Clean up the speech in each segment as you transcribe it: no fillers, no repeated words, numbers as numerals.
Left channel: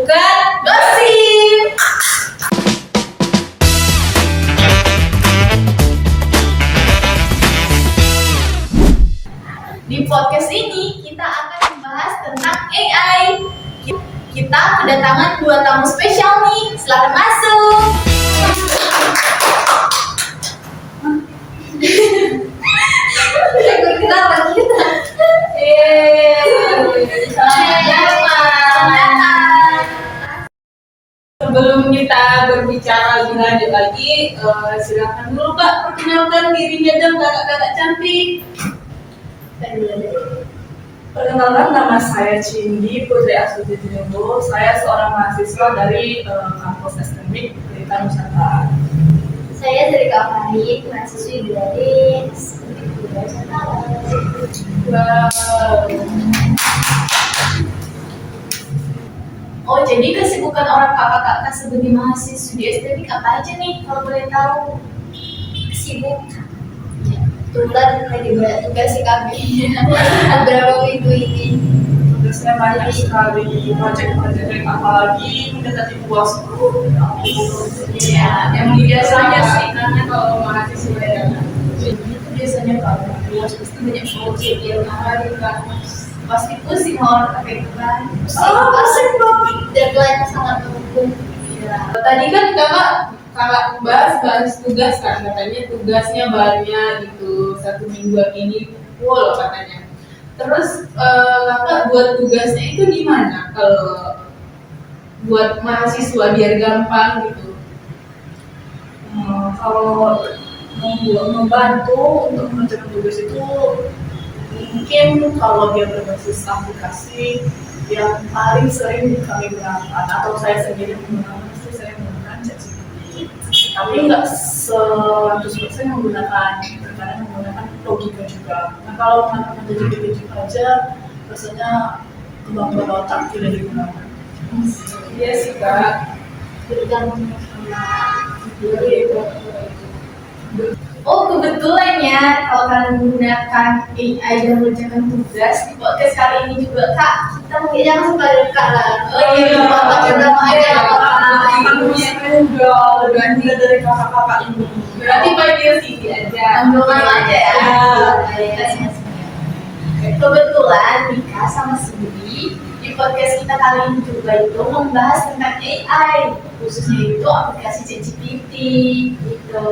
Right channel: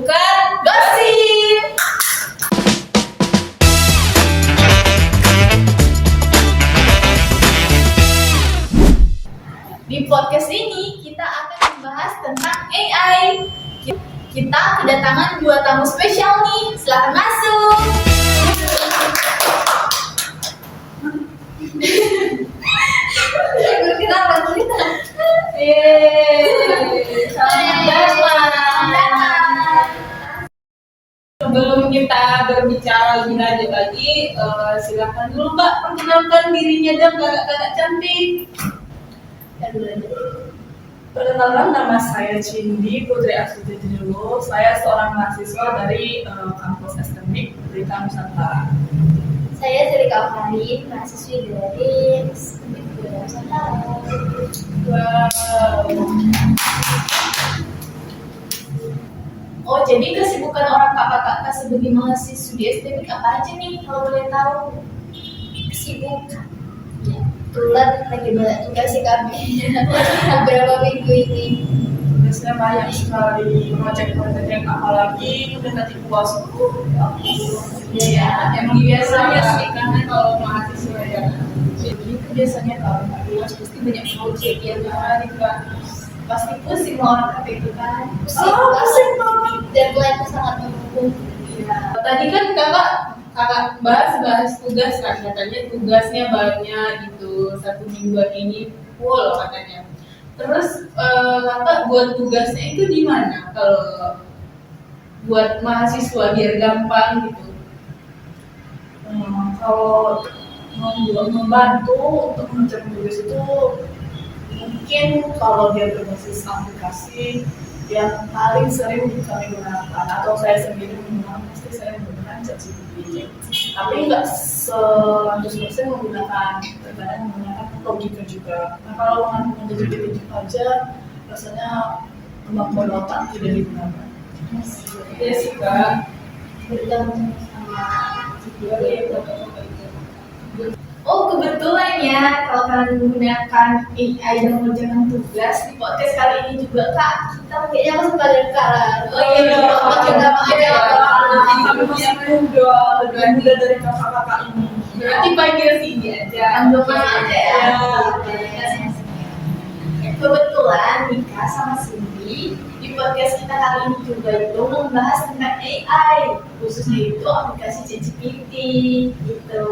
bukan gosip. Di podcast ini kita akan membahas tentang AI. Kita kedatangan 2 tamu spesial nih. Silakan masuk. Perkenalan kita. Sebelum kita berbicara lebih lanjut lagi, silakan dulu Mbak perkenalkan dirinya dan kakak-kakak cantik. Perkenalkan, nama saya Cindy Putri Astuti Tinulu. Saya seorang mahasiswa dari kampus STMIK Pelita Nusantara. Saya dari Farid, mahasiswi dari Pelita Nusantara. Wow. Oh, jadi kesibukan orang kakak-kakak sebagai mahasiswa di STMIK apa aja nih kalau boleh tahu? Sibuk. Kebetulan lagi banyak tugas sih kami beberapa minggu ini. Tugasnya banyak sekali, proyek-proyek apalagi mendekati UAS. Ya, Emang biasanya sih karena kalau mahasiswa ya, itu biasanya kalau luas pasti banyak project ya kan, pasti pusing orang kakak itu kan. Pusing banget. Deadline sangat mendukung. Iya. tadi kan kakak bahas tugas kan, katanya tugasnya banyak gitu, 1 mingguan ini full katanya. Terus kakak buat tugasnya itu di mana kalau buat mahasiswa biar gampang gitu? Kalau membantu untuk mengerjakan tugas itu mungkin kalau dia berbasis aplikasi yang paling sering kami gunakan atau saya sendiri menggunakan, pasti saya menggunakan ChatGPT. Tapi nggak 100% menggunakan, terkadang menggunakan logika juga. Nah kalau menggunakan ChatGPT itu aja rasanya kemampuan otak tidak digunakan. Iya sih kak. Bergantung sama Oh, kebetulan ya kalau kalian menggunakan AI dan mengerjakan tugas di podcast kali ini juga kak, kita mungkin jangan suka dekat lah. oh iya apa kita aja Saya udah lebih muda dari kakak-kakak ini. Berarti panggil Cindy aja. Anggungan aja ya. Iya. Kebetulan Mika sama Cindy di podcast kita kali ini juga itu membahas tentang AI, khususnya itu aplikasi ChatGPT gitu.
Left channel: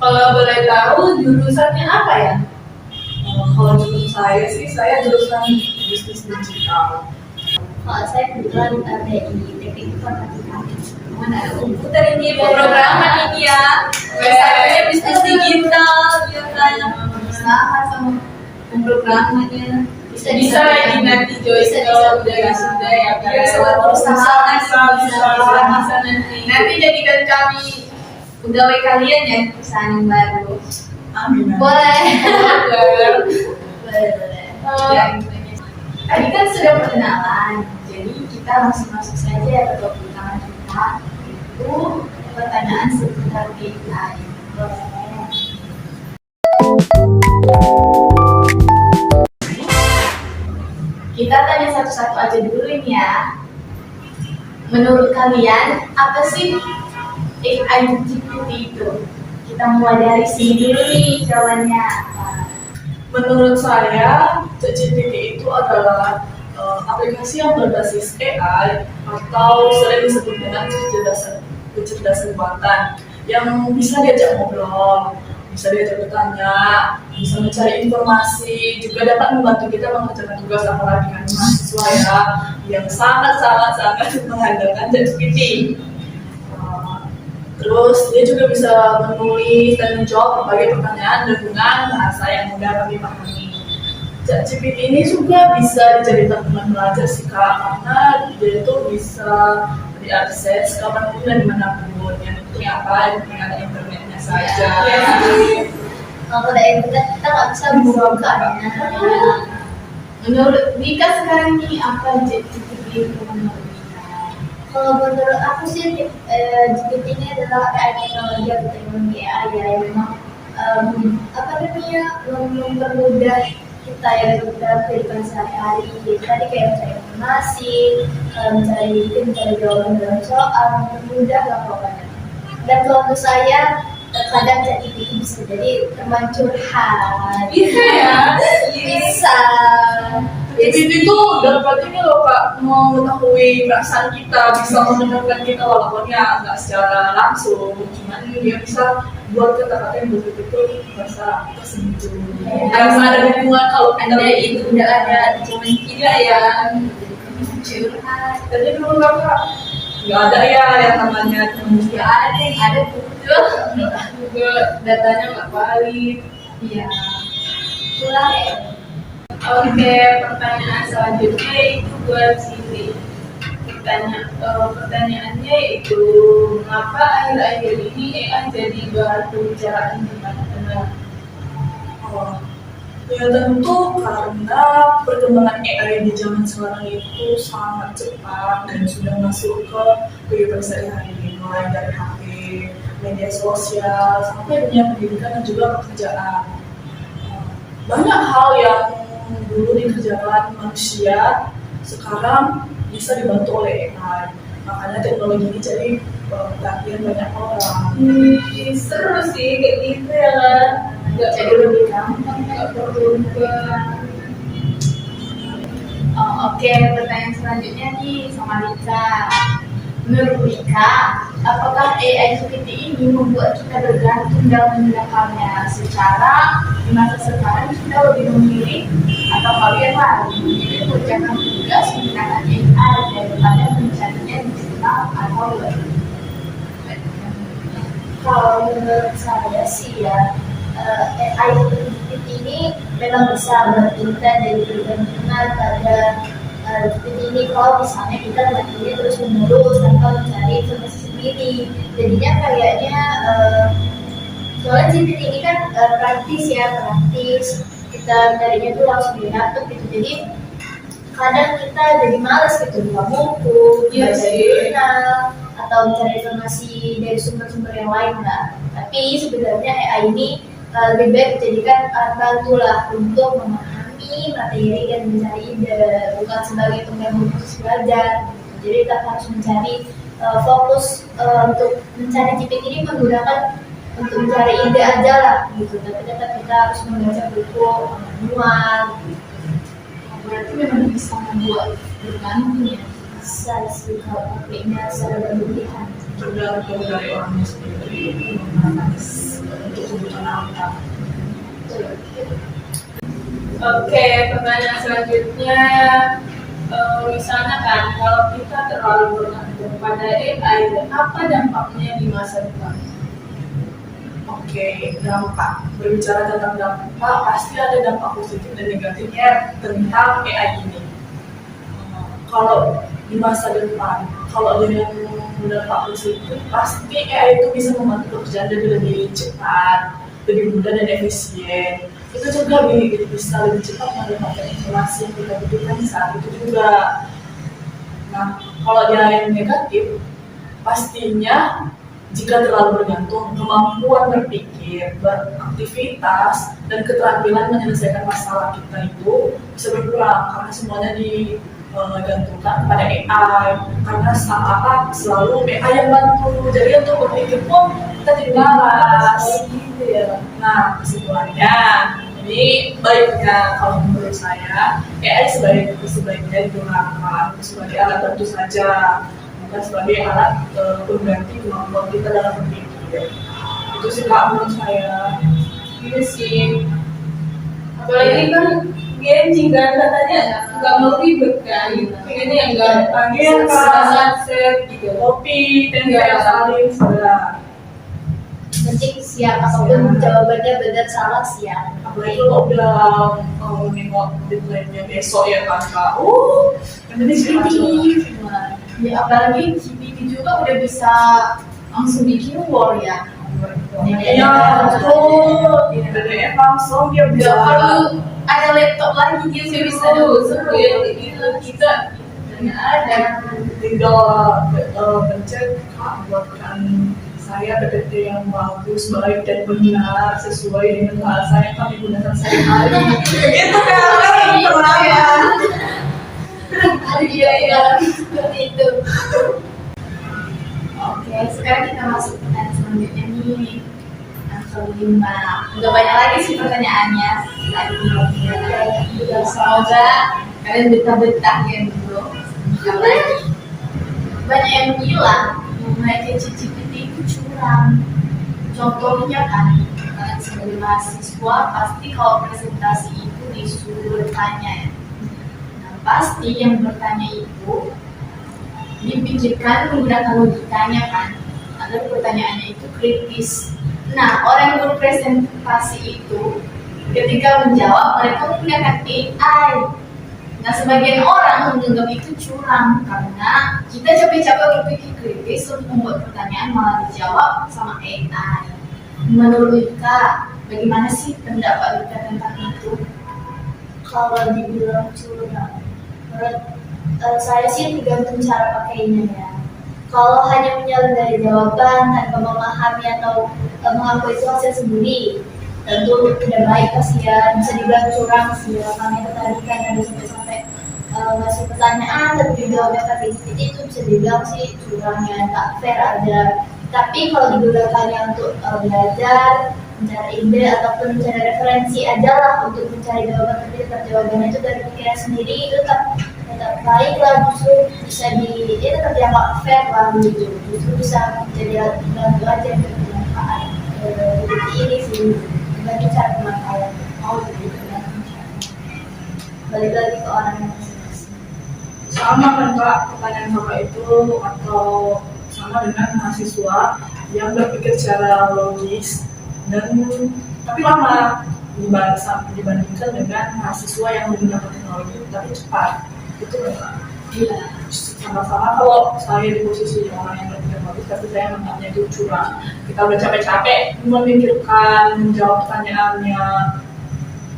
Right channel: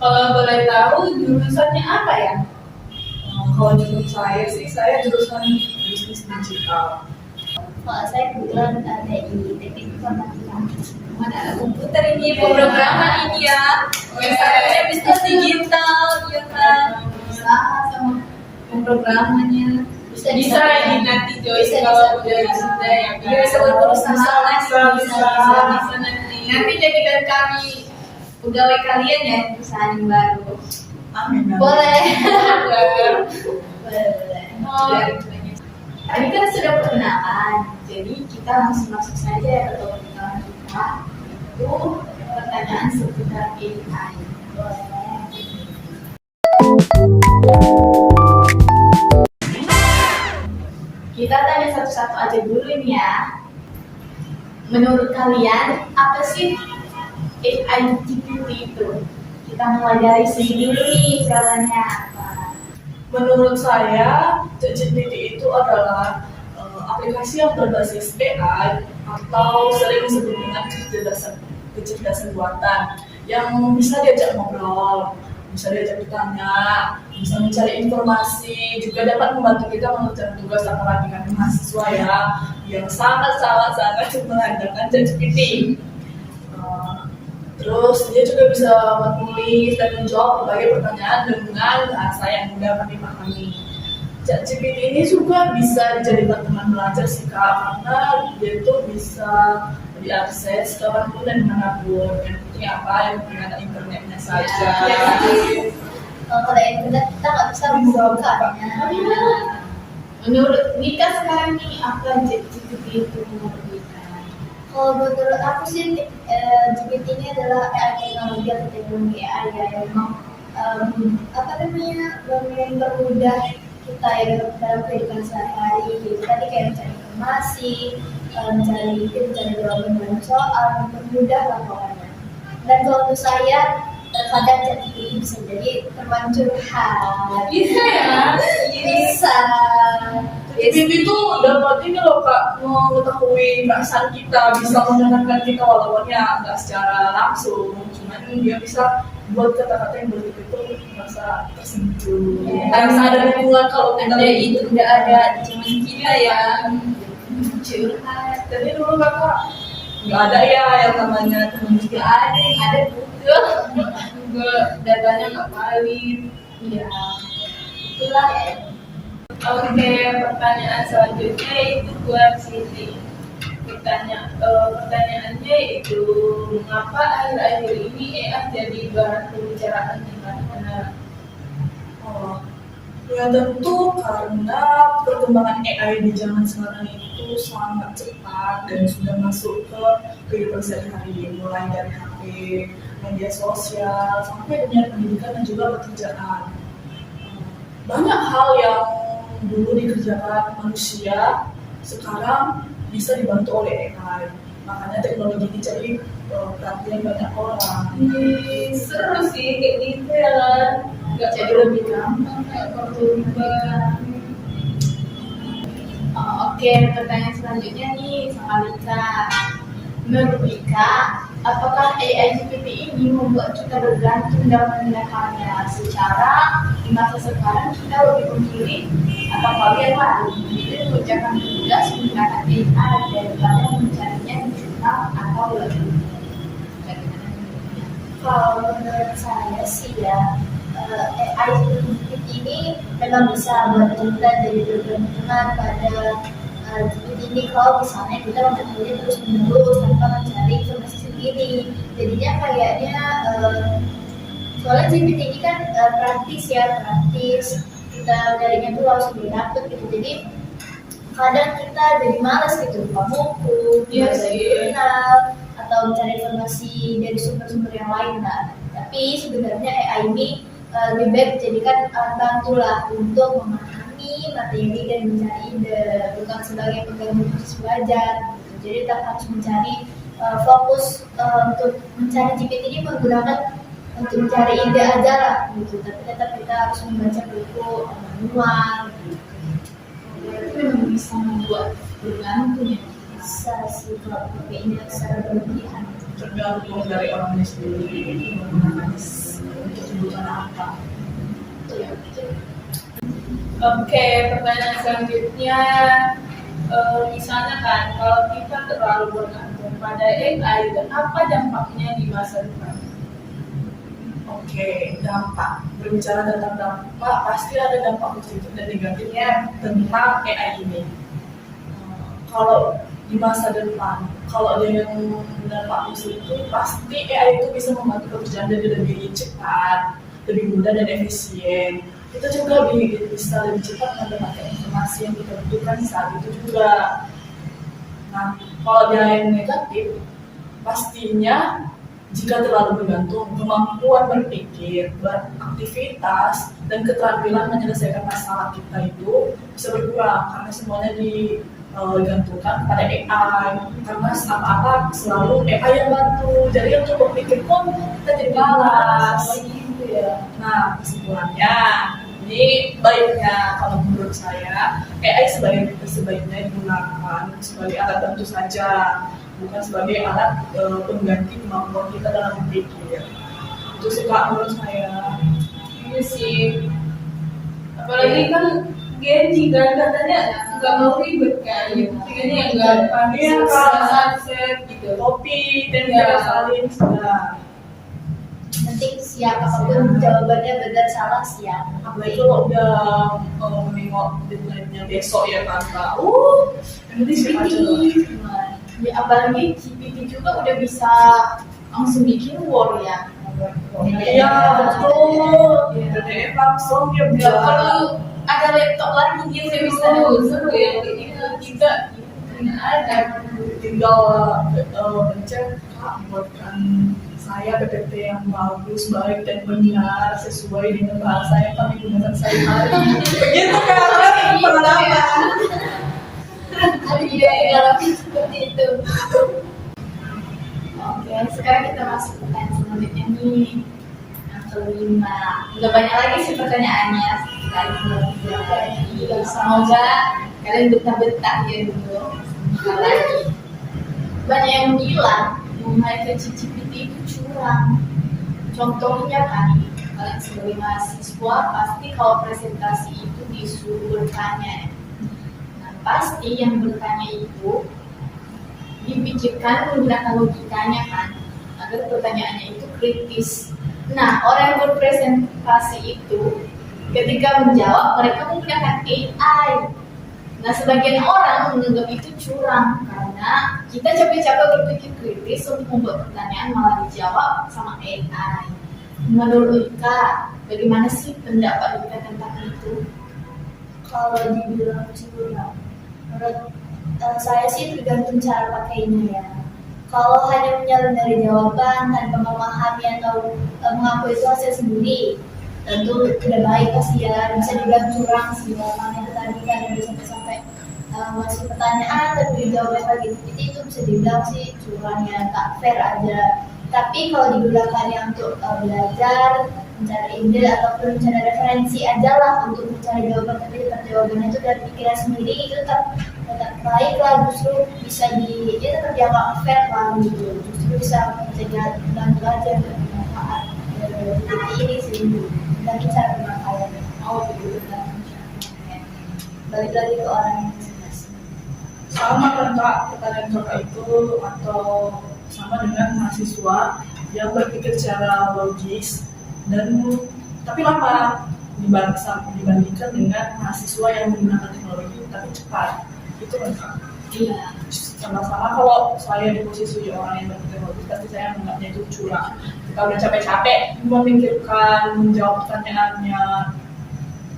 Kalau boleh tahu jurusannya apa ya? Kalau menurut saya sih, saya jurusan bisnis digital. Kalau saya kebetulan TI, teknik informatika. Mana ada komputer ini, pemrograman ini ya. Satunya bisnis digital, ya kan. Usaha sama pemrogramannya. Bisa lagi nanti Joyce Bisa, kalau bisa. udah sudah ya kan. Bisa berusaha Bisa nanti. Nanti jadikan kami pegawai kalian ya, perusahaan baru. Amin. Boleh. Boleh. Ya, tadi kan sudah perkenalan, jadi kita langsung masuk saja ya ke topik utama kita, itu pertanyaan seputar AI. Kita tanya satu-satu aja dulu ini ya. Menurut kalian, apa sih AI GPT itu? Kita mulai dari sini dulu nih jawabannya. Menurut saya, ChatGPT itu adalah aplikasi yang berbasis AI atau sering disebut dengan kecerdasan buatan yang bisa diajak ngobrol, bisa diajak bertanya, bisa mencari informasi, juga dapat membantu kita mengerjakan tugas apalagi kan mahasiswa ya yang sangat mengandalkan ChatGPT. Terus dia juga bisa menulis dan menjawab berbagai pertanyaan dengan bahasa yang mudah kami pahami. ChatGPT ini juga bisa dijadikan teman belajar sih kak, karena dia itu bisa diakses kapanpun dan dimanapun. Yang penting apa? Yang penting ada internetnya saja. Kalau ada internet kita nggak bisa membukanya. Menurut Mika sekarang nih apa ChatGPT itu menurut Mika? Kalau menurut aku sih GPT ini adalah AI teknologi atau teknologi AI ya yang memang mempermudah kita ya dalam kehidupan sehari-hari. Tadi kayak mencari informasi, mencari jawaban dalam soal, mudah lah pokoknya. Dan kalau menurut saya terkadang ChatGPT bisa jadi teman curhat. Bisa ya? Bisa. GPT itu dapat ini loh Kak, mengetahui perasaan kita, bisa mendengarkan kita walaupun ya nggak secara langsung, cuman dia bisa buat kata-kata yang betul-betul merasa tersentuh. Ya. Karena ada hubungan kalau kita Anda itu udah ada di zaman kita ya. Curhat. Tapi dulu Kakak nggak ada ya yang namanya teman Nggak ada yang ada betul. Juga datanya nggak valid. Iya. Itulah ya. Oke, pertanyaan selanjutnya itu buat Siti. Pertanyaannya itu, mengapa akhir-akhir ini AI jadi bahan pembicaraan di mana-mana? Oh, ya tentu karena perkembangan AI di zaman sekarang itu sangat cepat dan sudah masuk ke kehidupan sehari-hari, mulai dari HP, media sosial, sampai dunia pendidikan dan juga pekerjaan. Banyak hal yang dulu dikerjakan manusia sekarang bisa dibantu oleh AI. Makanya teknologi ini jadi perhatian banyak orang. Seru sih kayak gitu ya lah. Nggak Jadi lebih gampang. nggak perlu ribet. Oke, pertanyaan selanjutnya nih sama Rika. Menurut Rika, apakah AI GPT ini membuat kita bergantung dalam menggunakannya secara di masa sekarang kita lebih memilih atau kalian lain memilih mengerjakan tugas menggunakan AI daripada mencarinya di jurnal atau lebih? Kalau menurut saya sih ya, AI GPT ini memang bisa bantu kita dari bergantungan pada GPT ini. Kalau misalnya kita memakai terus menerus tanpa mencari informasi sendiri, jadinya kayaknya soalnya GPT ini kan praktis kita carinya tuh langsung di laptop gitu, jadi kadang kita jadi malas gitu buka buku, Iya baca sih. jurnal, atau mencari informasi dari sumber-sumber yang lain lah. Tapi sebenarnya AI ini lebih baik dijadikan alat bantu lah untuk memahami materi dan mencari ide, bukan sebagai pengganggu proses belajar. Jadi kita harus mencari fokus untuk mencari GPT ini menggunakan untuk mencari ide aja lah gitu. Tapi tetap kita harus membaca buku manual. Berarti memang bisa membuat bergantung ya. Bisa sih kalau pakainya secara berlebihan. Tergantung dari orangnya sendiri menggunakan untuk kebutuhan apa. Oke, pertanyaan selanjutnya, misalnya kan kalau kita terlalu bergantung pada AI, apa dampaknya di masa depan? Oke, dampak. Berbicara tentang dampak, pasti ada dampak positif dan negatifnya tentang AI ini. Kalau di masa depan, kalau dia yang berdampak positif, pasti AI itu bisa membantu pekerjaan jadi lebih cepat, lebih mudah dan efisien. Itu juga bisa lebih cepat mendapatkan informasi yang kita butuhkan saat itu juga. Nah, kalau dia yang negatif, pastinya jika terlalu bergantung, kemampuan berpikir, beraktivitas, dan keterampilan menyelesaikan masalah kita itu bisa berkurang karena semuanya digantungkan pada AI. Karena apa selalu AI yang bantu. Jadi untuk berpikir pun kita jadi malas. Gitu ya. Nah, kesimpulannya, ini baiknya kalau menurut saya AI sebaiknya digunakan sebagai alat bantu saja, bukan sebagai alat pengganti kemampuan kita dalam berpikir. Itu sih Kak menurut saya. Iya sih. Apalagi kan Genji kan katanya nggak mau ribet kan, pengennya yang gampang, Iya, Kak. sunset gitu. Kopi, tempe, Iya. salin, sudah. Penting siap apapun jawabannya benar salah siap. Apalagi kalau udah nengok deadline-nya besok ya kan Kak. Yang penting siapa coba. Ya apalagi GPT juga udah bisa langsung bikin war ya. Iya, betul. PDF langsung dia Gak bisa. perlu ada laptop lagi dia udah bisa Seru ya, gitu kita nggak ada. Tinggal pencet Kak, buatkan saya PPT yang bagus, baik dan benar sesuai dengan bahasa yang kami gunakan sehari-hari. Begitu kan? Pengalaman. Iya, iya. seperti itu. Oke, sekarang kita masuk ke pertanyaan selanjutnya nih. Yang kelima. Udah banyak lagi sih pertanyaannya. Semoga kalian betah-betah ya dulu. Sekali lagi. Banyak yang bilang yang mereka ChatGPT itu curang. Contohnya kan, kalian sebagai mahasiswa pasti kalau presentasi itu disuruh bertanya ya. Nah, pasti yang bertanya itu dipikirkan menggunakan logikanya kan, agar pertanyaannya itu kritis. Nah, orang yang berpresentasi itu ketika menjawab mereka menggunakan AI. Nah, sebagian orang menganggap itu curang karena kita capek-capek berpikir kritis untuk membuat pertanyaan malah dijawab sama AI. Menurut Ika, bagaimana sih pendapat Ika tentang itu? Kalau dibilang curang, menurut saya sih tergantung cara pakainya ya. Kalau hanya menyalin dari jawaban tanpa memahami atau mengakui itu hasil sendiri, tentu tidak baik pasti ya, bisa dibilang curang sih ya. Karena itu tadi kan ada sampai-sampai ngasih pertanyaan tapi dijawabnya pakai itu bisa dibilang sih curang ya, tak fair aja. Tapi kalau digunakannya untuk belajar, mencari ide ataupun mencari referensi aja lah untuk mencari jawaban, tapi tetap jawabannya itu dari pikiran sendiri, itu tetap baik lah, justru bisa tetap dianggap fair lah gitu, justru bisa menjadi alat bantu aja untuk bermanfaat. Jadi ini sih bagi cara pemakaian. Gitu kan. Balik lagi ke orang yang masing-masing. Sama kan Kak, pertanyaan Kakak itu atau sama dengan mahasiswa yang berpikir secara logis dan tapi lama dibandingkan dengan mahasiswa yang menggunakan teknologi tapi cepat. Itu kan Kak? Iya. Sama-sama kalau saya di posisi orang yang berpikir logis tapi saya menganggapnya itu curang. Kita udah capek-capek memikirkan, menjawab pertanyaannya,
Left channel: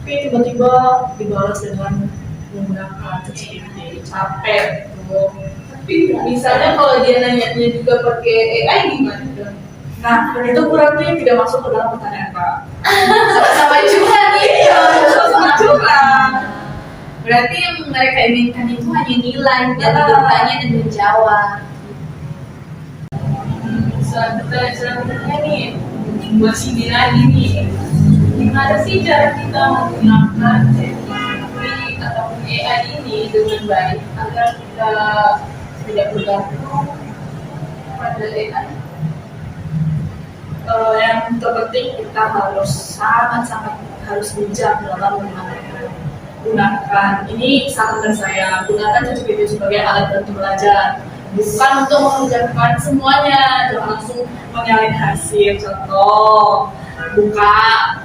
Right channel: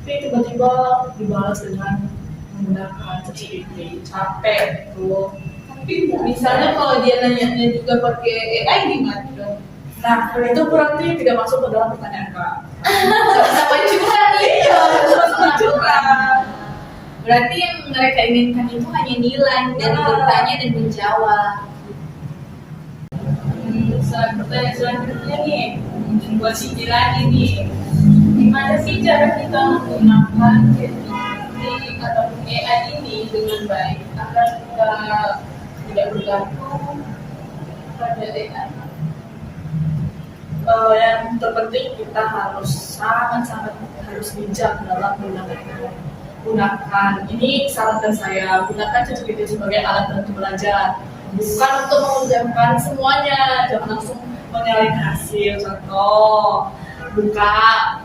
tapi tiba-tiba dibalas dengan menggunakan ChatGPT. Capek tuh. Tapi misalnya kalau dia nanya juga pakai AI gimana dong? Nah, itu berarti tidak masuk ke dalam pertanyaan Kak. Sama-sama curang nih. Iya, sama curang. Berarti yang mereka inginkan itu hanya nilai dari bertanya dan menjawab. Selanjutnya nih, buat Cindy lagi nih, gimana sih cara kita menggunakan ChatGPT atau AI ini dengan baik agar kita tidak bergantung pada AI? Yang terpenting kita harus sangat-sangat harus bijak dalam gunakan. Ini saran dari saya, gunakan ChatGPT sebagai alat bantu belajar, bukan untuk mengerjakan semuanya. Jangan langsung menyalin hasil. Contoh, buka,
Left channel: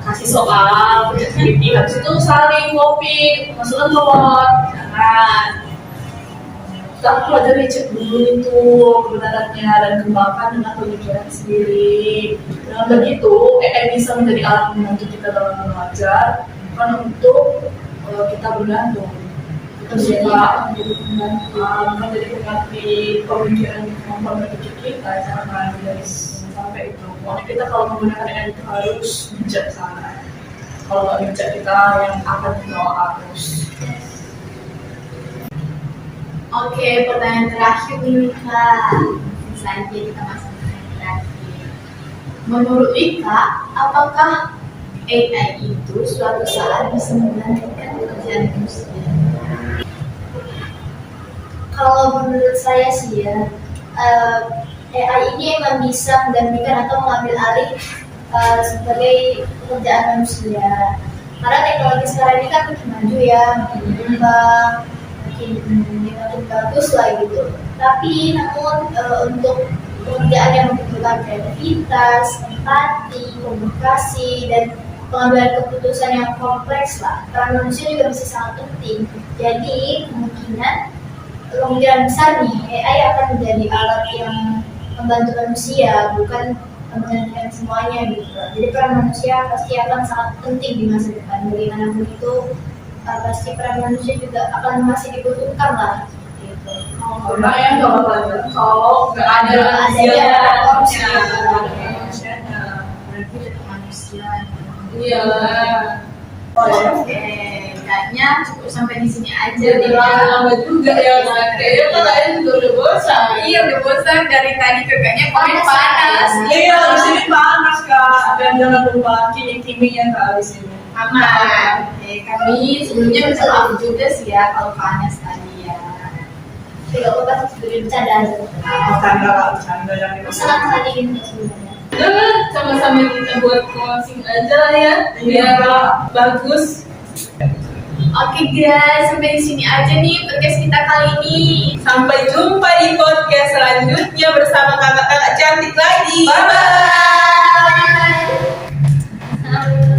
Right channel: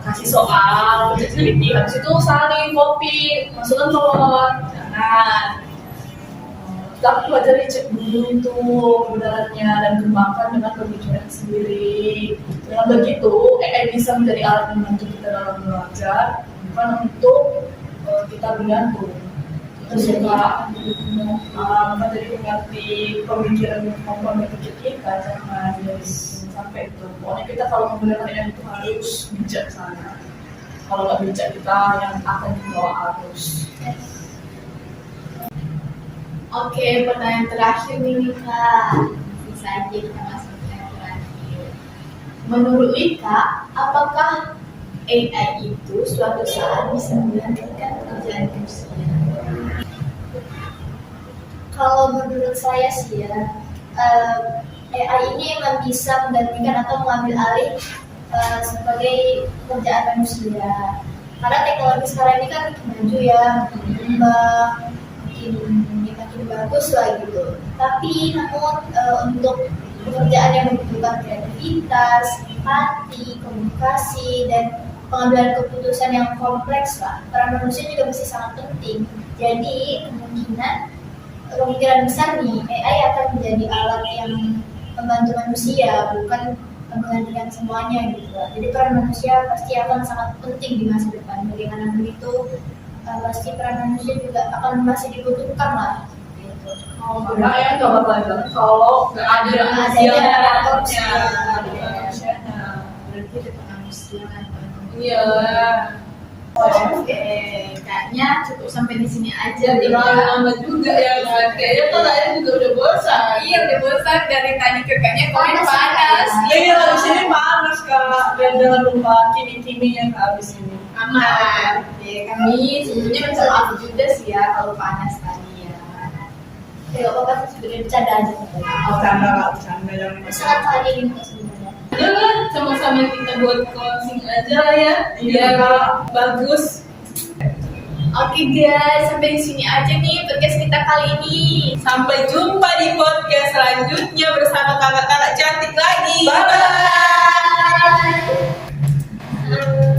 kasih soal ke ChatGPT, habis itu salin, copy, masukkan ke Word. Jangan. Kita pelajari cek dulu itu kebenarannya dan kembangkan dengan pemikiran sendiri. Dengan begitu, AI bisa menjadi alat membantu kita dalam belajar, bukan untuk kita bergantung. Itu sih Kak, bukan jadi pengganti pemikiran kemampuan berpikir kita, jangan jadi sampai itu. Pokoknya kita kalau menggunakan AI itu harus bijaksana. Kalau nggak bijak kita yang akan dibawa arus. Oke, pertanyaan terakhir nih Kak. Saja kita masuk ke pertanyaan terakhir. Menurut Ika, apakah AI itu suatu saat bisa menggantikan pekerjaan manusia? Kalau menurut saya sih ya, AI ini emang bisa menggantikan atau mengambil alih sebagai pekerjaan manusia. Karena teknologi sekarang ini kan makin maju ya, makin berkembang, makin bagus lah gitu. Tapi namun untuk pekerjaan yang membutuhkan kreativitas, empati, komunikasi, dan pengambilan keputusan yang kompleks lah, peran manusia juga masih sangat penting. Jadi kemungkinan besar nih AI akan menjadi alat yang membantu manusia, bukan menggantikan semuanya gitu. Jadi peran manusia pasti akan sangat penting di masa depan. Bagaimanapun itu pasti peran manusia juga akan masih dibutuhkan lah. Gitu. Karena ya nggak bakal jalan kalau nggak ada adanya manusia. Berarti itu manusia. Iyalah. Oke, kayaknya kayaknya cukup sampai di sini aja deh terlalu ya. lama juga ya kan. Kayaknya kakaknya juga udah bosan. Iya udah bosan dari tadi kakaknya komen panas. Iya, di sini panas kak. Dan jangan lupa kini-kininya kak di sini. Aman. Kami sebelumnya minta maaf juga sih ya kalau panas tadi ya. Tidak apa-apa sih sebenarnya bercanda aja. Bercanda kak, bercanda yang Sangat sangat ingin kok sebenarnya. Udah kan sama-sama kita buat closing aja lah ya. Iya. Biar bagus. Oke guys, sampai di sini aja nih podcast kita kali ini. Sampai jumpa di podcast selanjutnya bersama kakak-kakak cantik lagi. Bye. Bye.